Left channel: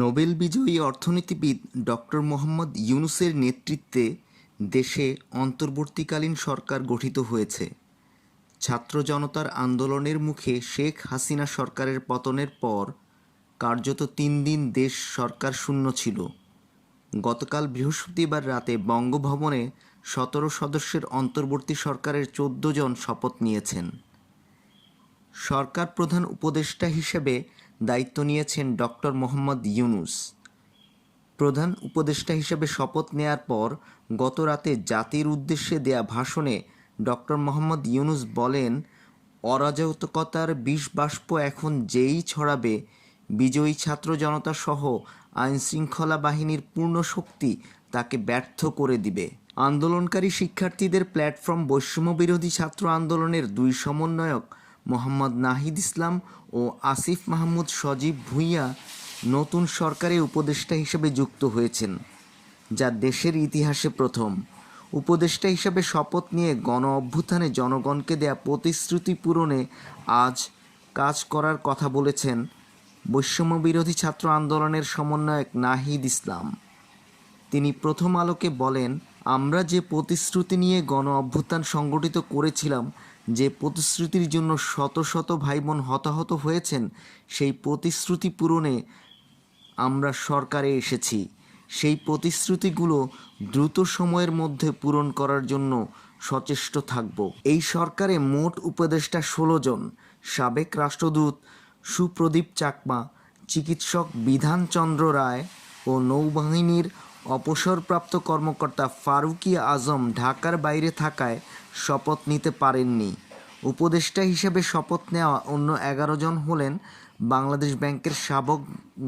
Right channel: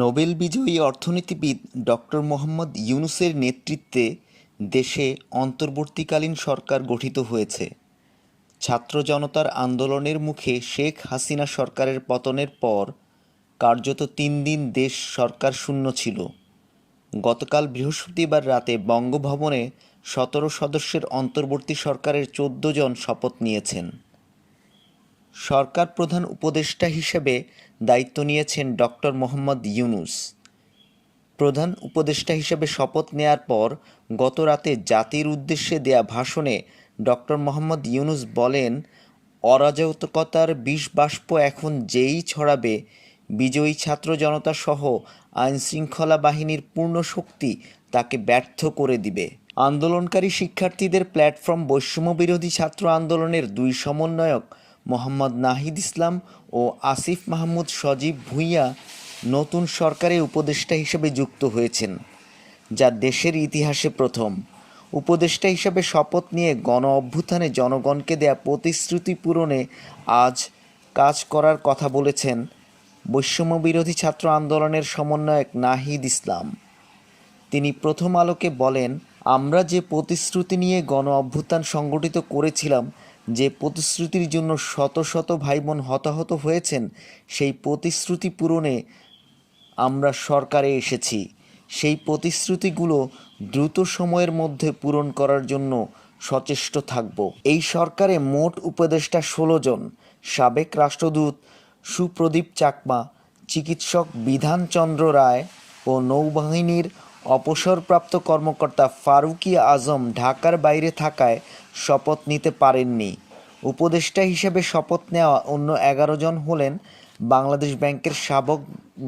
Nobel বিজয়ী অর্থনীতিবিদ doctor Mohammad ইউনূসের নেতৃত্বে দেশে অন্তর্বর্তীকালীন সরকার গঠিত হয়েছে। ছাত্র জনতার আন্দোলনের মুখে শেখ হাসিনা সরকারের পতনের পর কার্যত ৩ দিন দেশ সরকার শূন্য ছিল। গতকাল বৃহস্পতিবার রাতে বঙ্গভবনে ১৭ সদস্যের অন্তর্বর্তী সরকারের ১৪ জন শপথ নিয়েছেন। সরকার প্রধান উপদেষ্টা হিসেবে দায়িত্ব নিয়েছেন ডক্টর মোহাম্মদ ইউনূস। প্রধান উপদেষ্টা হিসেবে শপথ নেয়ার পর গত রাতে জাতির উদ্দেশ্যে দেয়া ভাষণে ডক্টর মোহাম্মদ ইউনূস বলেন, অরাজকতার বিষবাষ্প এখন যেই ছড়াবে, বিজয়ী ছাত্র জনতা সহ আইনশৃঙ্খলা বাহিনীর পূর্ণ শক্তি তাকে ব্যর্থ করে দিবে। আন্দোলনকারী শিক্ষার্থীদের প্ল্যাটফর্ম বৈষম্যবিরোধী ছাত্র আন্দোলনের ২ সমন্বয়ক মোহাম্মদ নাহিদ ইসলাম ও আসিফ মাহমুদ সজীব ভূঁইয়া নতুন সরকারে উপদেষ্টা হিসেবে যুক্ত হয়েছেন, যা দেশের ইতিহাসে প্রথম। উপদেষ্টা হিসেবে শপথ নিয়ে গণ অভ্যুত্থানে জনগণকে দেয়া প্রতিশ্রুতি পূরণে আজ কাজ করার কথা বলেছেন বৈষম্যবিরোধী ছাত্র আন্দোলনের সমন্বয়ক নাহিদ ইসলাম। তিনি প্রথম আলোকে বলেন, আমরা যে প্রতিশ্রুতি নিয়ে গণ অভ্যুত্থান সংগঠিত করেছিলাম, যে প্রতিশ্রুতির জন্য শত শত ভাইবোন হতাহত হয়েছেন, সেই প্রতিশ্রুতি পূরণে আমরা সরকারে এসেছি। সেই প্রতিশ্রুতিগুলো দ্রুত সময়ের মধ্যে পূরণ করার জন্য সচেষ্ট থাকব। এই সরকারে মোট উপদেষ্টা ১৬ জন। সাবেক রাষ্ট্রদূত সুপ্রদীপ চাকমা, চিকিৎসক বিধানচন্দ্র রায় ও নৌবাহিনীর অবসরপ্রাপ্ত কর্মকর্তা ফারুকী আজম ঢাকার বাইরে থাকায় শপথ নিতে পারেননি। উপদেষ্টা হিসেবে শপথ নেওয়া অন্য ১১ জন হলেন বাংলাদেশ ব্যাংকের সাবেক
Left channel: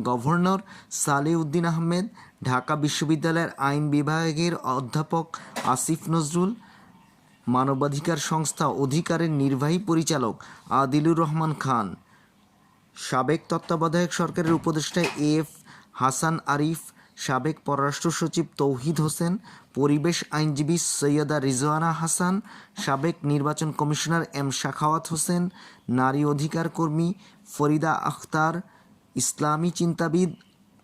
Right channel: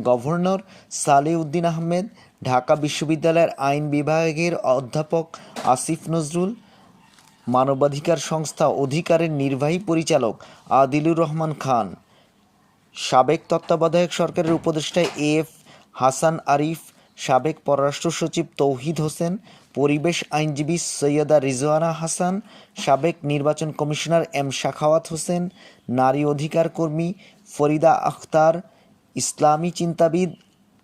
গভর্নর সালেহ-উদ্দিন আহমেদ, ঢাকা বিশ্ববিদ্যালয়ের আইন বিভাগের অধ্যাপক আসিফ নজরুল, মানবাধিকার সংস্থা অধিকারের নির্বাহী পরিচালক আদিলুর রহমান খান, সাবেক তত্ত্বাবধায়ক সরকারের উপদেষ্টা এএফ হাসান আরিফ, সাবেক পররাষ্ট্র সচিব তৌহিদ হোসেন, পরিবেশ আইনজীবী সৈয়দা রিজওয়ানা হাসান, সাবেক নির্বাচন কমিশনার এম সাখাওয়াত হোসেন, নারী অধিকার কর্মী ফরিদা আখতার, ইসলামী চিন্তাবিদ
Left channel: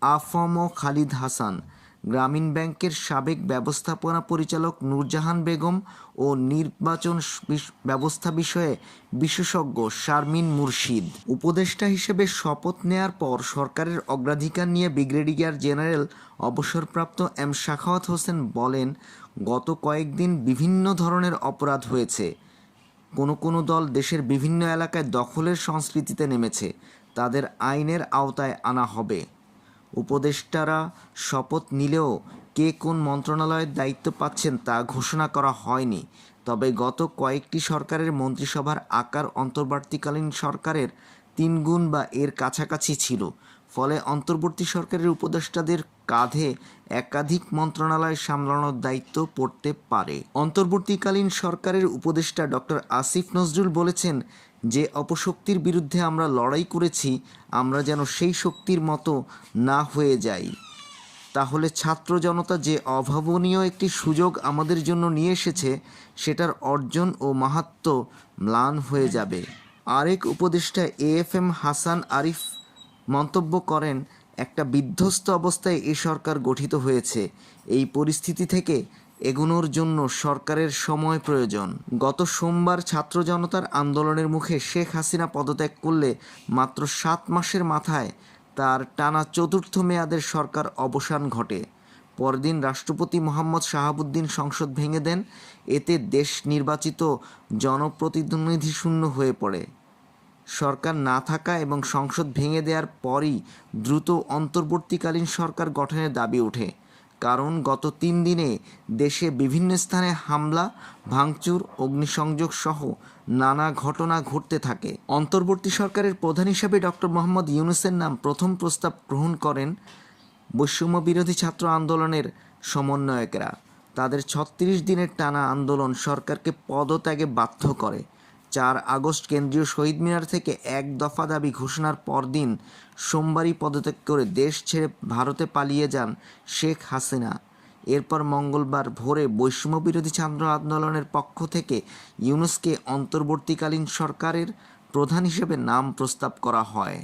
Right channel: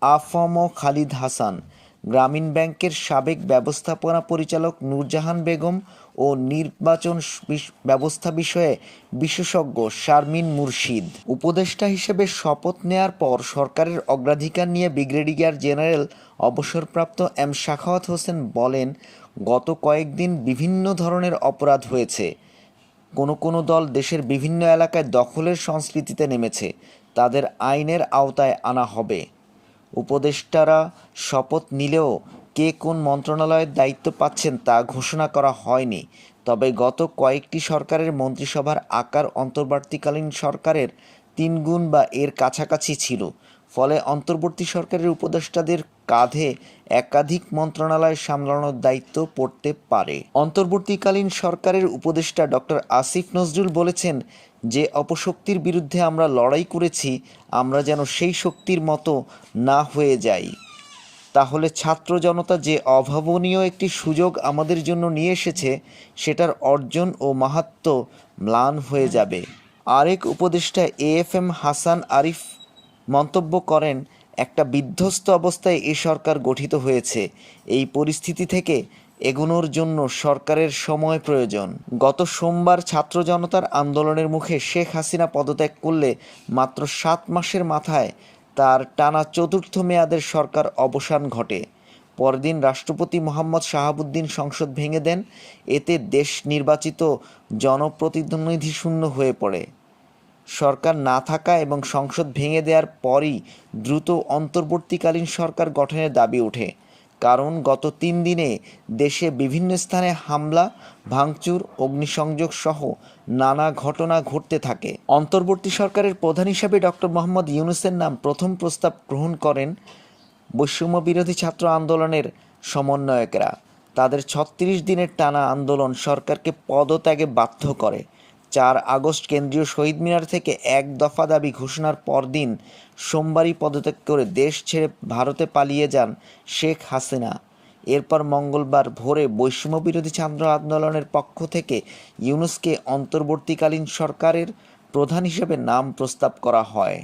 আফম খালিদ হাসান, গ্রামীণ ব্যাংকের সাবেক ব্যবস্থাপনা পরিচালক নূরজাহান বেগম ও নির্বাচন ব্যবস্থা বিষয়ে বিশেষজ্ঞ শারমিন মুর্শিদ। উপদেষ্টা হিসেবে শপথ নেয়ার পর সরকারের অগ্রাধিকার নিয়ে ব্রিগেডিয়ার জেনারেল অবসরপ্রাপ্ত এম সাখাওয়াত হোসেন বলেন, গত কয়েকদিন বিভিন্ন ধরনের অপরাধ হয়েছে। কোনো দল দেশের বিভিন্ন এলাকায় দখলের সংস্কৃতিতে নেমেছে, তাদের আইনের আওতায় আনা হবে। উপদেষ্টারা শপথ নিলেও কে কোন মন্ত্রণালয়ের দায়িত্ব পাচ্ছেন তা ঘোষণা করা হয়নি। তবে গত কয়েকটি সরকারের মন্ত্রিসভার আকার অন্তর্বর্তীকালীন সরকারের ৩ গুণ বা এর কাছাকাছি ছিল। ফলে অন্তর্বর্তী সরকারের উপদেষ্টাদের কাঁধে একাধিক মন্ত্রণালয় সামলানোর দায়িত্ব পড়তে পারে। অন্তর্বর্তীকালীন সরকারের উপদেষ্টা ডক্টর আসিফ নজরুল বলেছেন, যে অপশক্তির বিরুদ্ধে আমরা লড়াই করেছি, আমরা যেন সেই শক্তির মতো না হয়ে যাই। তাহলে ছাত্র জনতা যে অভাবনীয় একটি সুযোগ আমাদের জন্য নিয়ে এসেছে, সেটার অর্জন ও মাহাত্ম্য ম্লান হয়ে যাবে। আরেক উপদেষ্টা এএফএম হাসান আরিফ মন্তব্য করেন, একটা বিধ্বস্ত অবস্থায় এ সরকার গঠিত হয়েছে। এই পরিস্থিতি থেকে এগোনোর জন্য সরকারের সময় প্রয়োজন। গত সোমবার ছাত্র জনতার আন্দোলনের মুখে শেখ হাসিনা পদত্যাগ করলে মাত্র ৭ মাসের মাথায় তার টানা ৪র্থ মেয়াদের সরকার অবসান ঘটে। পরদিন রাষ্ট্রপতি মোহাম্মদ শাহাবুদ্দিন সংসদ ভেঙে দেন। এতে দেশ নির্বাচিত জনপ্রতিনিধি শূন্য হয়ে পড়ে। সরকার না থাকা এবং সংসদ ভেঙে দেওয়ার পরই দ্রুত অন্তর্বর্তীকালীন সরকার গঠনের দাবি ওঠে। কারণ গত ৩ দিনে দেশে বিভিন্ন স্থানে হামলা, ভাঙচুর, অগ্নিসংযোগ সহ নানা ঘটনা ঘটতে থাকে। অন্তর্বর্তী সরকারের প্রধান হিসাবে ডক্টর মোহাম্মদ ইউনূসের নাম প্রথম প্রস্তাব গ্রহণ করেন বৈষম্যবিরোধী ছাত্র আন্দোলনের সমন্বয়করা। তাদের ৩৬ দিনের টানা আন্দোলন সরকারকে পদত্যাগে বাধ্য করে। ৪ আগস্ট কেন্দ্রীয় শহীদ মিনার থেকে এক দফা দাবি ঘোষণার পরদিন সোমবারই পদত্যাগ করে দেশ ছেড়ে ভারতে পালিয়ে যান শেখ হাসিনা। এরপর মঙ্গলবার ভোরে বৈষম্যবিরোধী ছাত্র আন্দোলনের পক্ষ থেকে ইউনূসকে অন্তর্বর্তীকালীন সরকারের প্রধান হিসেবে নাম প্রস্তাব করা হয়।